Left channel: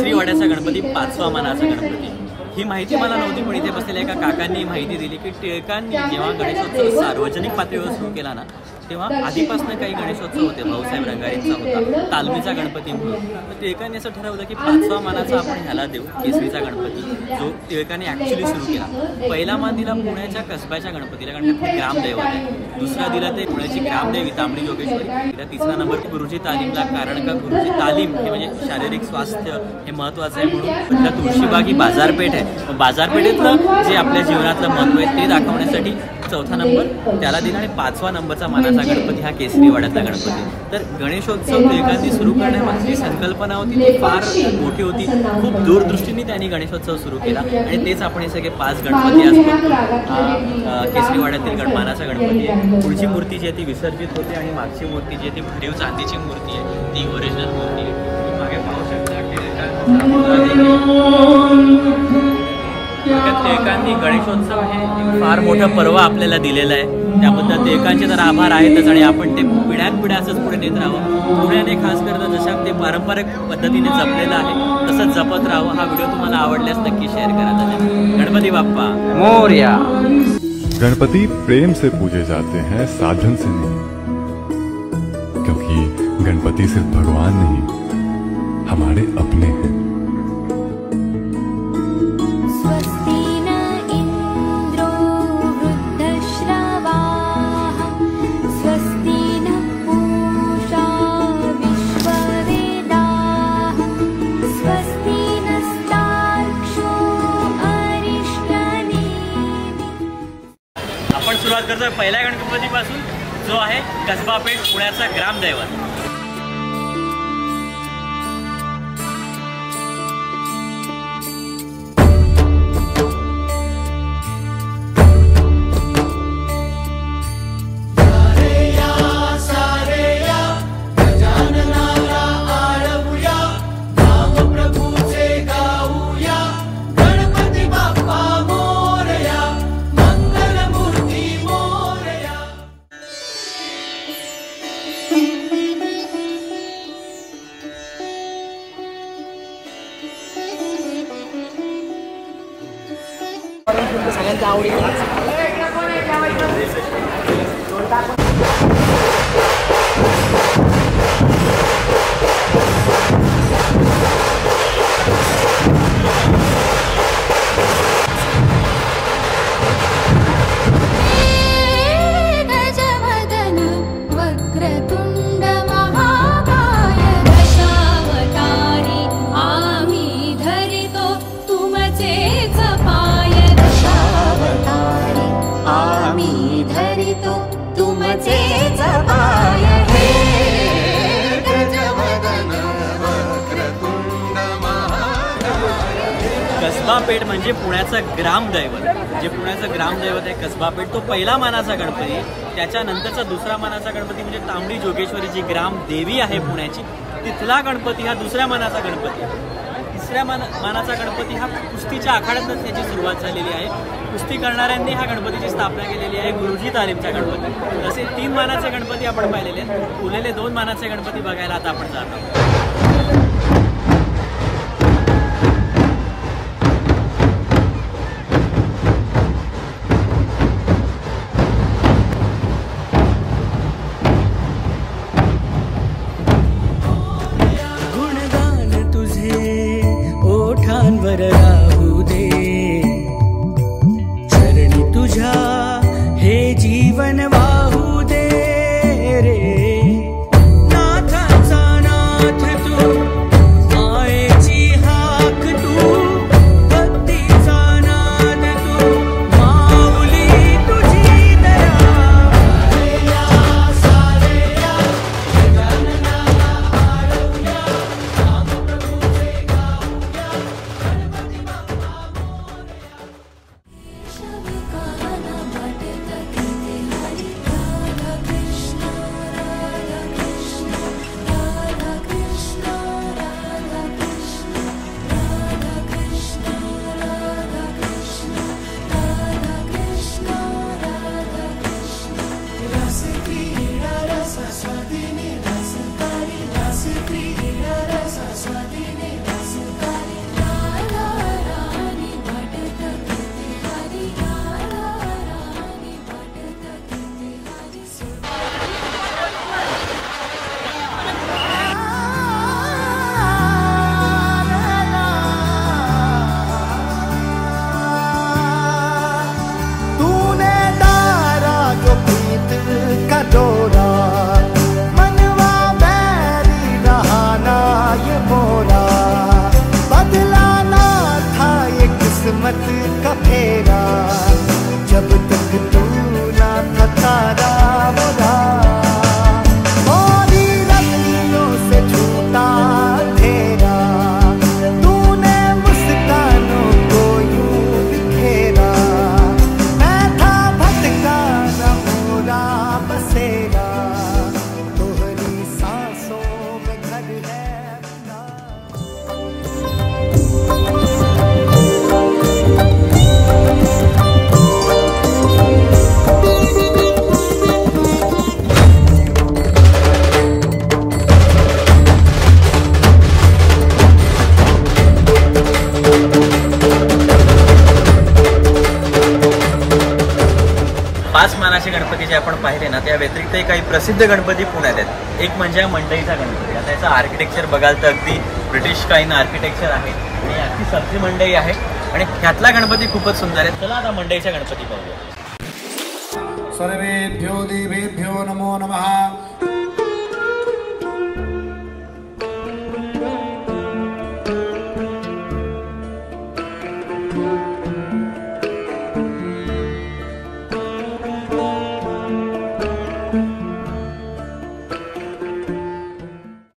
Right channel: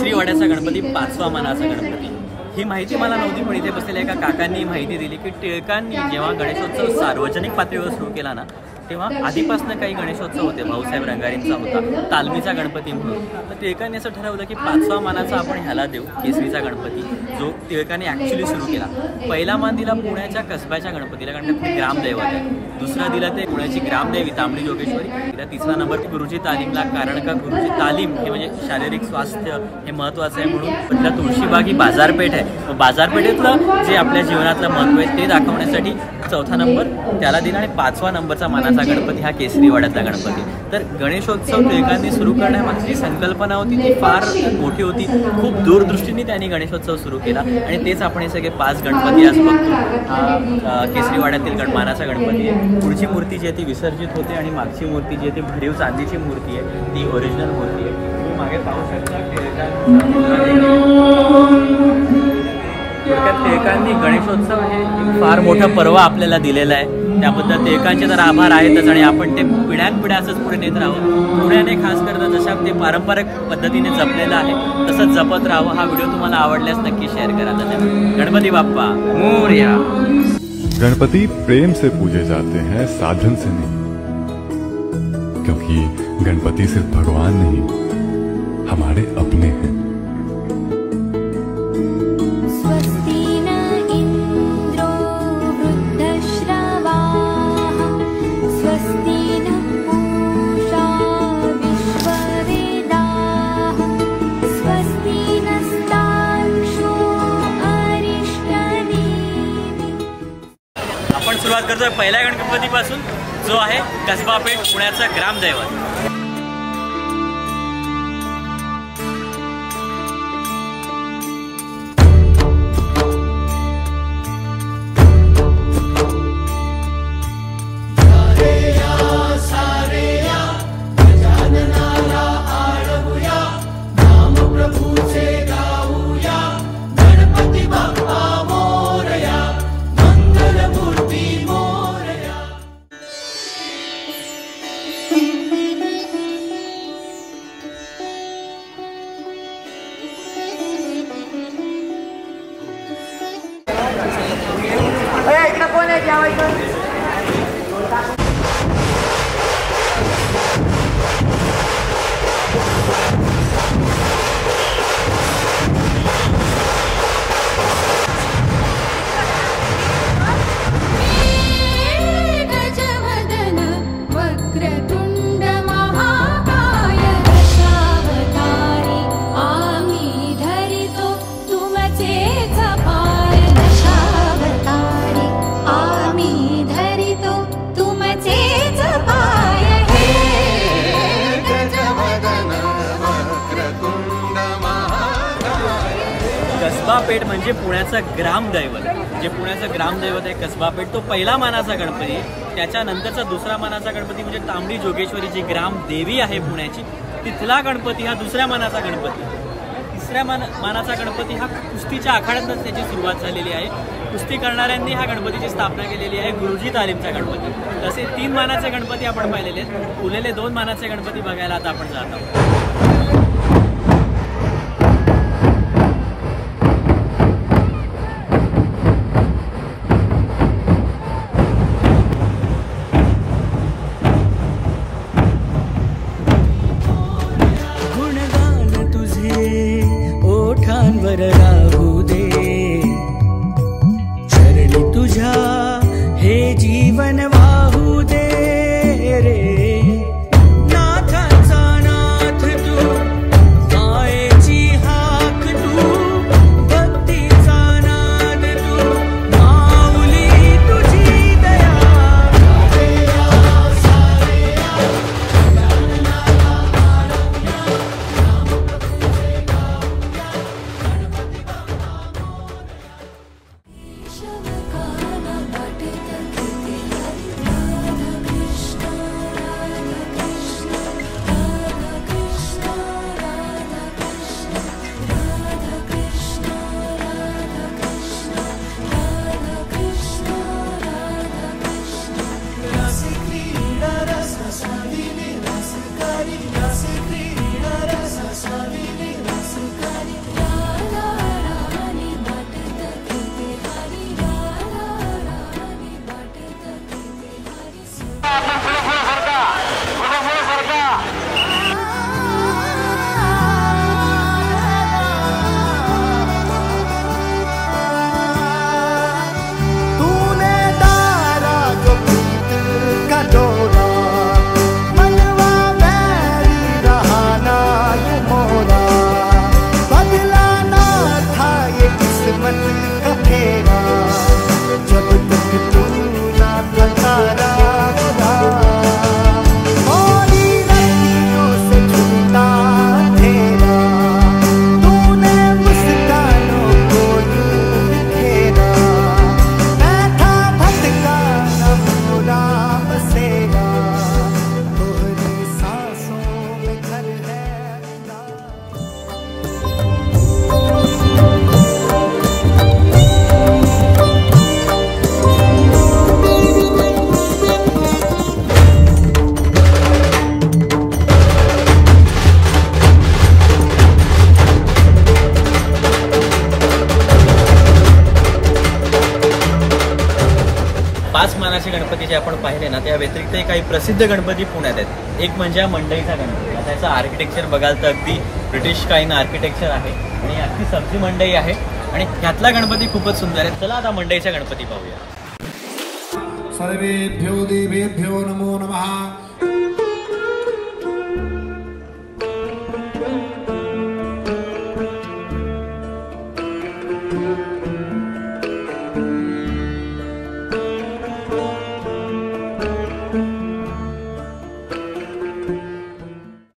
केसरी वाड्याचा गणपती 5वा मानाचा गणपती। ही माहिती मला नव्हती, पण इथे बसलेल्या एका काकांनी माहिती दिली की टिळकांनी जेव्हा गणेशोत्सव सार्वजनिक पातळीवर सुरू केला ना, तेव्हा आधीपासून काही गणेशोत्सव होते। भाऊसाहेब रंगारींचा होता, तालमीचा गणपती म्हणून। तर टिळकांनी असं ठरवलं की 5वा मानाचा आपण ह्याला देऊ, केसरीचा गणपती, जो टिळकांनी ॲक्च्युली सुरू केला। पहिला मान दिला पुण्याच्या कसब्याच्या गणपतीला, कारण ते ग्रामदैवत आहे। दुसरा दिला ते पुण्याची ग्रामदेवी तांबडी जोगेश्वरी। तिला तिसरा नंबर गुरुजी तालीमला, कारण का गुरुजी तालीम हे म्हणजे शारीरिक स्वास्थ्य हे महत्त्वाचं आहे म्हणून। तिला तुळशीबाग ही बाजारपेठ आहे, बाजारपेठेतलं जे आपल्या जीवनातलं महत्त्व आहे ते दाखवण्यासाठी चौथा नंबर त्याला दिला आणि 5वा नंबरचा मानाचा गणपती हा केसरी वाड्यातला गणपती। तर गणेशोत्सव टिळकांनी सुरू करण्यामागची संकल्पना होती ती फार मोठी होती, खूप दूरदृष्टीने त्यांनी गणेशोत्सव सुरू केला आणि तेच आपण हे सगळे 5 गणपती आज बघतो। हा केसरी वाड्यातील मानाचा गणपती आहे। पुढची मूर्ती जी आहे ती विसर्जित होते आणि मागची मूर्ती जी आहे ती भरीव चांदीची मूर्ती आहे, ती ओरिजिनल मूर्ती आहे। तुम्ही मागे पाहू शकता टिळकांनी गणेशोत्सव हे एक फार मोठं पर्व आपल्याला दिलेलं आहे, त्याबद्दल टिळकांचे तर आभार आहेतच आणि आपण ते पिढ्यानपिढ्या असंच पुढे नेत राहावं। पुण्याने खास करता जशा ते पारंपरिक पद्धतीने जपलेलं आहे तसंच जपत राहावं। हा व्हिडिओ तुम्हाला आवडल्यास नक्की शेअर करा। धन्यवाद। गणपती बाप्पा मोरया। गणपति प्रेम से पूजे जाते हैं, साधन से नहीं, क्योंकि गणपति सिर्फ भगवान नहीं, हमारे अपने हैं। आपण सुरुवात करतोय पहिल्या गणपतीपासून, जो आहे कसबा पेठ पुण्याचा ग्रामदैवत। कसबा पेठ म्हणजे पुण्याचं ग्रामदैवत, जे पुण्याचं ग्रामदैवत आहे कसबा पेठ, तो पहिला मानाचा गणपती आहे। त्याच्यानंतरचा दुसरा मानाचा गणपती म्हणजे तांबडी जोगेश्वरी जी ग्रामदेवी आहे पुण्याची, तिथला गणपती हा दुसऱ्या मानाचा गणपती। तिसऱ्या मानाचा गणपती हा कुस्तीच्या आखाड्यातच त्याची सुरुवात झालेली आहे। कुस्ती करणाऱ्यांनी हा गणपतीची स्थापना केलेली आहे, गुरुजी तालीमचा गणपती। तसे 3 मानाचे गणपती आपण पाहिलेले आहेत, उरलेले 2 मानाचे गणपती बघायला आता आपण जात आहोत। नाथ असे गणपती जे आपण पाहिले ना, त्या व्यतिरिक्त काही प्रसिद्ध गणपती पुण्यात आहेत. एक म्हणजे मंडईचा गणपती. आता याचं आर्किटेक्चर बघाल तर अगदी ब्रिटिश कालीन आर्किटेक्चर आहे आणि अगदी सब्जी मंडई आहे आणि ह्यातला गणपती खूपच सुंदर आहे. चला आता मंडईचा गणपती पाहूया. सर्वेभ्यो देवेभ्यो नमो नमः.